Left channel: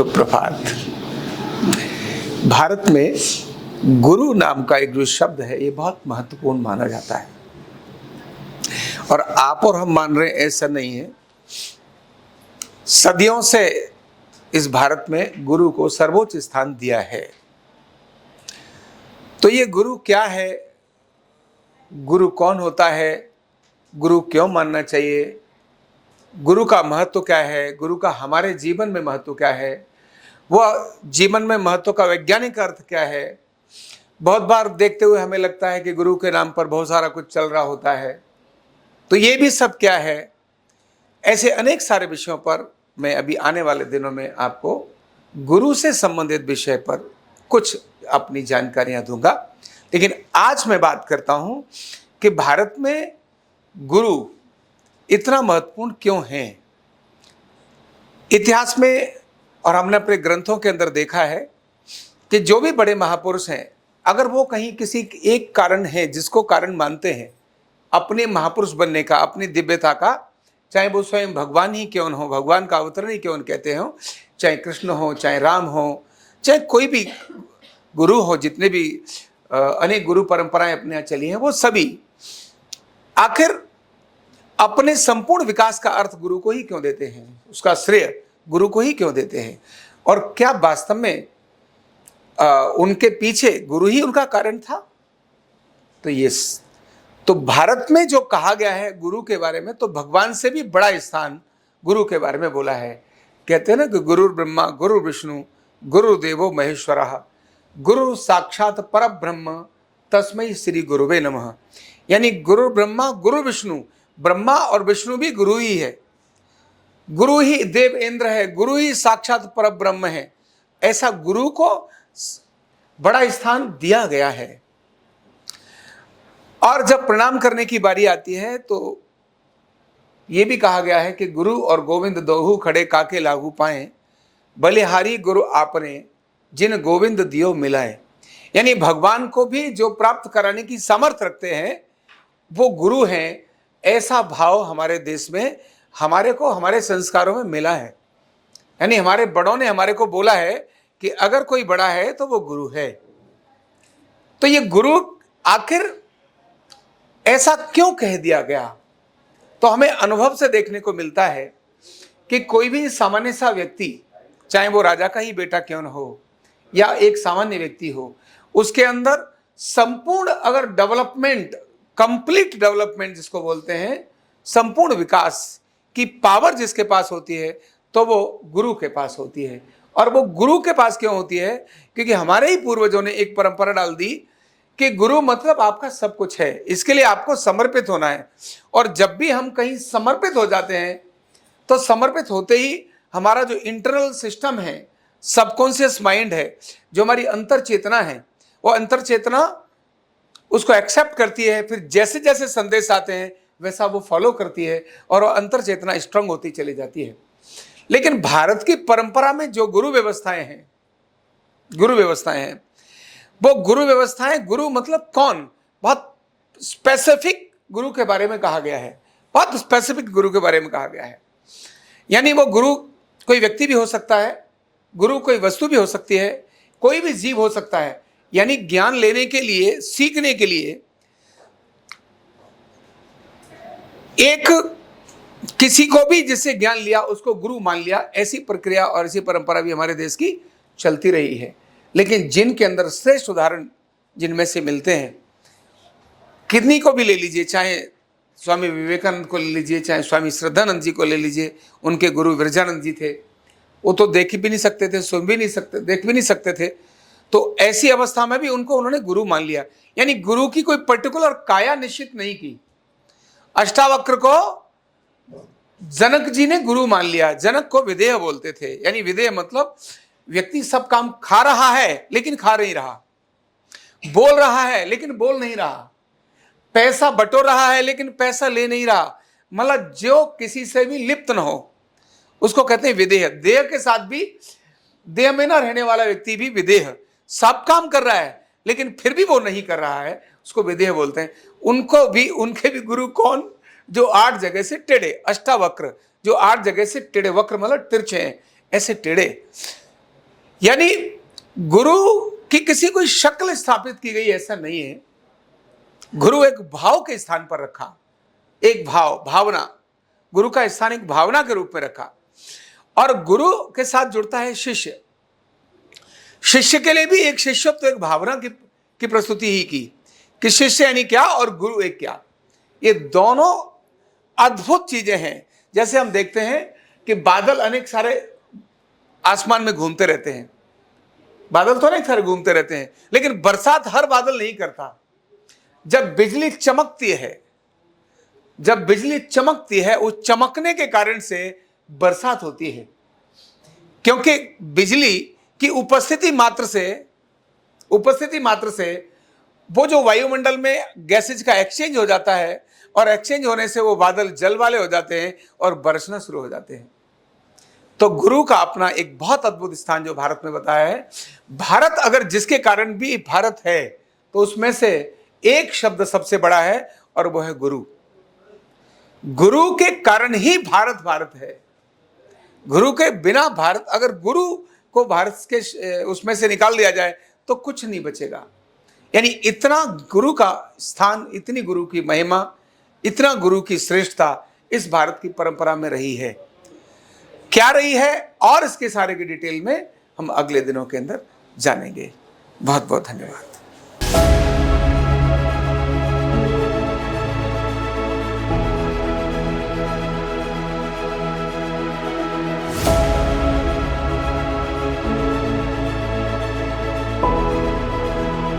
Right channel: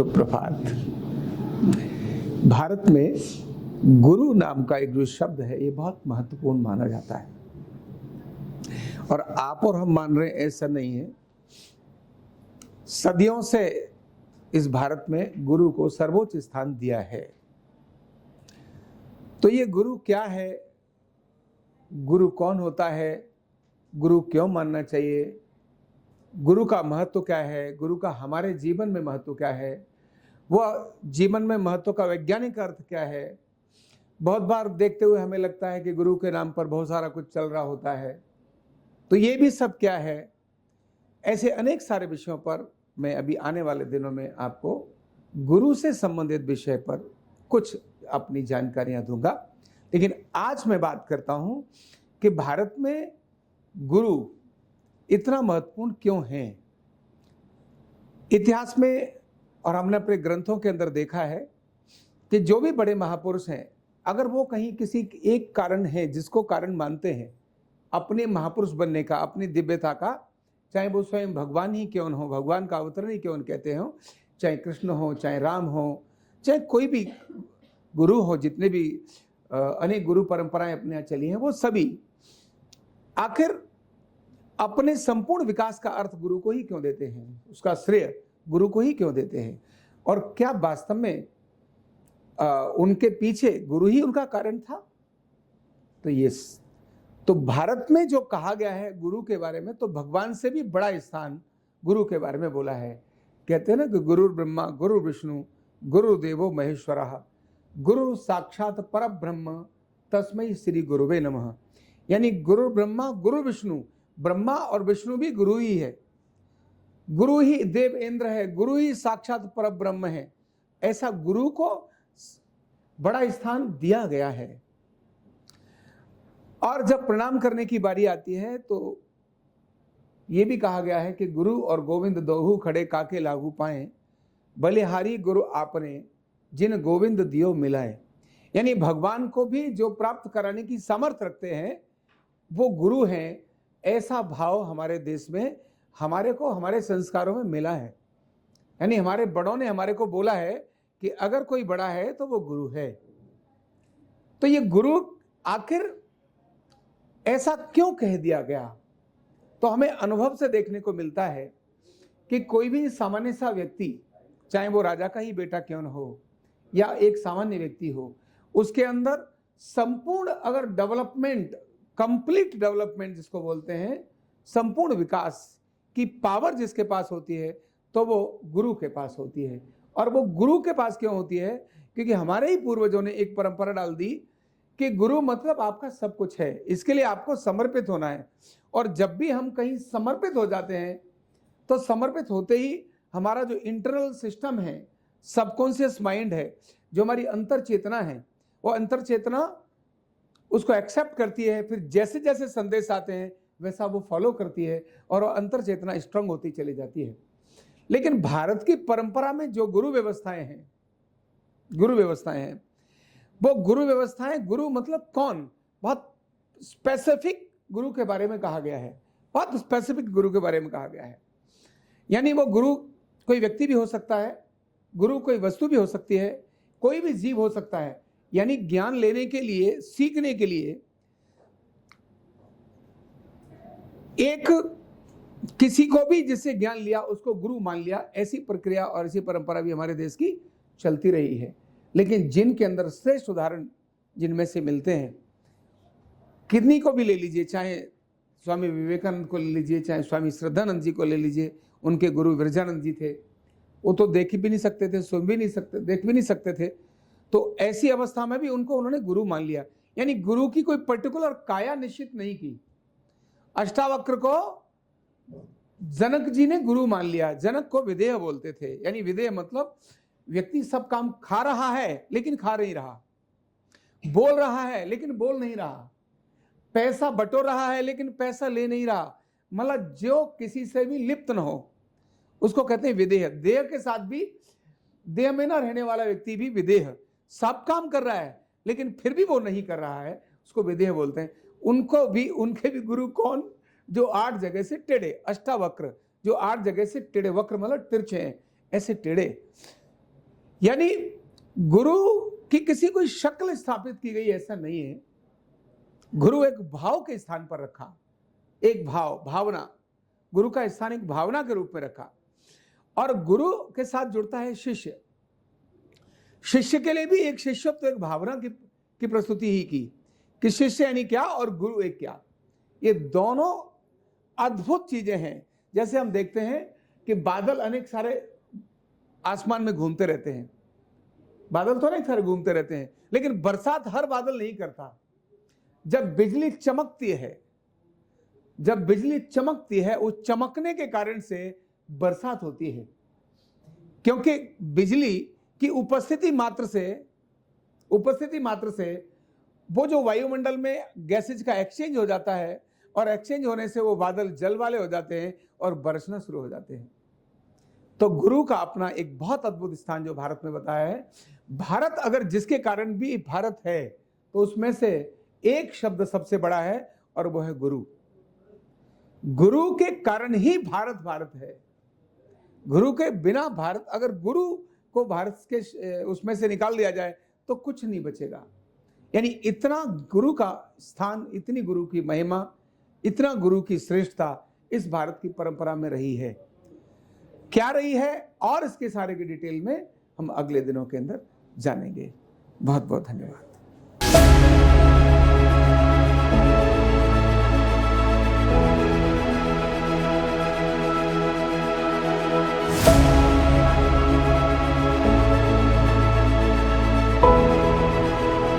शुभ प्रभात। भारत में गुरु नाम का एक जो शब्द है ये बहुत महत्वपूर्ण माना जाता है और आप और हम मान रहे हैं ऐसा नहीं है। सदियों से इस भारत में गुरु को सर्वोच्च स्थान दिया है। तो ये गुरु क्या है, गुरु कौन होता है, गुरु क्यों मानना चाहिए, गुरु का महत्व क्या है, गुरु का हमारे जीवन में महत्व क्या है, वह जीवन में महत्व का वैज्ञानिक अर्थ क्या है। बहुत बार देखते हुए हमें लगता है कि गुरु के नाम पर बहुत सारा कुछ चल रहा होता है, तो ये भी सब क्या है। ऐसे अनेक सारे विषयों पर मैं अभी आने वाले दिनों में आपको गुरु से संबंधित विषय पर कुछ अपनी जानकारियां दूंगा। लेकिन आज मैं बात करता हूं कि भारत में गुरु इतना महत्वपूर्ण क्यों है। इतिहास में और हमने अपने ग्रंथों के अंदर देखा है कि जो भी बड़े महापुरुष हैं, अगर वो कहीं किसी एक कारण है जिसको कारण मानते हैं अपने महापुरुष बनने का, अपनी दिव्यता का, चाहे वो स्वयं भगवान ही क्यों हो, भगवान का अवतरण ही क्यों कहते हो, चाहे कृष्ण हो, चाहे राम हो, चाहे कोई भी गुरु हो, जितने भी अनेक गुरु परंपराएं अपने यहाँ चली हैं, वो सभी आखिर अपने संपूर्ण विकास का अर्थ गुरु को ही क्यों देते हैं, उसका श्रेय गुरु को ही क्यों देते हैं, और क्या वास्तव में उनके पीछे गुरु ही उनका कारण था। तो भारत में जो कहा गया है गुरु के बारे में, तो भगवान से भी बड़ा स्थान गुरु के बारे में बोला है। कहते हैं ना कि गुरु ब्रह्मा गुरु विष्णु गुरु देवो महेश्वरः गुरु साक्षात परब्रह्म तस्मै श्री गुरुवे नमः। यानी गुरु ब्रह्मा गुरु विष्णु, ब्रह्मा और विष्णु भी गुरु ही है, गुरु ही देव इंद्र है, गुरु ही साक्षात परब्रह्म है। ऐसा गुरु को बड़ा स्थान दिया गया है। और जब प्रणाम करने की बारी आती है तो यह भी कहा गया है कि गुरु और गोविंद दोहु खड़े काके लागू पाए, बलिहारी गुरु आपने जिन गोविंद दियो मिलाए। यानी भगवान को भी जो प्राप्त कराने की सामर्थ्य रखते हैं वो गुरु हैं। ऐसा भाव हमारे देश में हमारे को हमारे संस्कारों में मिला है। यानी हमारे बड़ों ने हमारे को बोला है कि अगर कोई बड़ा है तो वो गुरु है। तो ये गुरु आखिर ऐसा क्यों कह दिया गया, तो हमें अनुभव से देखने को मिलता है कि कोई भी सामान्य सा व्यक्ति, चाहे वो राजा का ही बेटा क्यों न हो या एक सामान्य व्यक्ति हो, उसके अंदर संपूर्ण अगर डेवलपमेंट, कंप्लीट डेवलपमेंट जिसको बोलते हैं, संपूर्ण विकास की पावर जिसके पास होती है तो वो गुरु के पास होती है। और वो गुरु के पास क्यों होती है? क्योंकि हमारे ही पूर्वजों ने एक परंपरा डाल दी कि गुरु मतलब आपका सब कुछ है, इसके लिए आपको समर्पित होना है। और जब भी हम कहीं समर्पित हो जाते हैं तो समर्पित होते ही हमारा जो इंटरनल सिस्टम है, सबकॉन्शियस माइंड है, जो हमारी अंतर चेतना है, वो अंतर चेतना उसको एक्सेप्ट करती है। फिर जैसे जैसे संदेश आते हैं वैसा वो फॉलो करती है और वो अंतर चेतना स्ट्रांग होती चली जाती है। लेकिन भारत की परंपरा में जो गुरु व्यवस्थाएं हैं, वो गुरु व्यवस्थाएं, गुरु मतलब कौन, बहुत स्पेसिफिक गुरु के बारे में कहा गया है, बहुत स्पेसिफिक गुरु के बारे में कहा गया है। यानी वो गुरु कोई व्यक्ति भी हो सकता है, गुरु कोई वस्तु भी हो सकती है, कोई भी जीव हो सकता है। यानी ज्ञान लेने के लिए, सीखने के लिए एक किसी को भी जिससे ज्ञान लिया उसको गुरु मान लिया, ऐसी प्रक्रिया और ऐसी परंपरा भी हमारे देश की चलती रही है। लेकिन जिनके अंदर श्रेष्ठ उदाहरण जिनमें से मिलते हैं, किन्हीं को भी ले लीजिए, चाहे स्वामी विवेकानंद को ले लीजिए, चाहे स्वामी श्रद्धानंद जी को ले लीजिए, उनके गुरु विरजानंद जी थे। वो तो देख भी नहीं सकते थे, सुन भी नहीं सकते, देख भी नहीं सकते थे। तो ऐसी अवस्था में भी उनको उन्होंने गुरु मान लिया। यानी गुरु की कोई पर्टिकुलर काया निश्चित नहीं की। अष्टावक्र को जनक जी ने गुरु मान लिया। जनक को विदेह बोलते थे। यानी विदेह मतलब व्यक्ति सब काम खा रहा है लेकिन खा नहीं रहा, बोल रहा है लेकिन बोल नहीं रहा, पैसा बटोर रहा है लेकिन पैसा ले नहीं रहा, मतलब जो किसी से भी लिप्त न हो, उसको कहते हैं विदेह। देह के साथ भी, देह में ना रहने वाला व्यक्ति भी विदेह, सब काम कर रहा है लेकिन फिर भी वो नहीं कर रहा है, उसको विदेह बोलते हैं। उनको भी, उनके भी गुरु कौन? जो 8 जगह से टेढ़े, अष्टावक्र, जो 8 जगह से टेढ़े, वक्र मतलब तिरछे हैं, ऐसे टेढ़े। यानी गुरु की किसी कोई शक्ल स्थापित की गई ऐसा नहीं है। गुरु एक भाव के स्थान पर रखा, एक भावना, गुरु का स्थान एक भावना के रूप में रखा। और गुरु के साथ जुड़ता है शिष्य। शिष्य के लिए भी एक शिष्यत्व, एक भावना की प्रस्तुति ही की कि शिष्य यानी क्या और गुरु एक क्या। ये दोनों अद्भुत चीजें हैं। जैसे हम देखते हैं कि बादल अनेक सारे आसमान में घूमते रहते हैं, बादल तो अनेक सारे घूमते रहते हैं, लेकिन बरसात हर बादल नहीं करता। जब बिजली चमकती है, जब बिजली चमकती है, उस चमकने के कारण से बरसात होती है, क्योंकि बिजली की उपस्थिति मात्र से वो जो वायुमंडल में गैसेज का एक्सचेंज हो जाता है, और एक्सचेंज होने से वो बादल जल वाले हो जाते हैं और बरसना शुरू हो जाते हैं। तो गुरु का अपना एक बहुत अद्भुत स्थान जो भारत में बताया है। भारत अगर जिसके कारण भी भारत है, तो उसमें से एक शब्द सबसे बड़ा है और वो है गुरु। गुरु के कारण ही भारत भारत है। गुरु के बिना भारत, अगर गुरु को भारत के उसमें से निकाल दिया जाए तो कुछ नहीं बचेगा। यानी इतना गुरु का स्थान, इतनी गुरु की महिमा, इतना गुरु की श्रेष्ठता इस भारत की परंपरा में रही है। क्या रही है और इसके सारे की डिटेल में हम अगले दिनों के अंदर जानेंगे। बहुत बहुत धन्यवाद।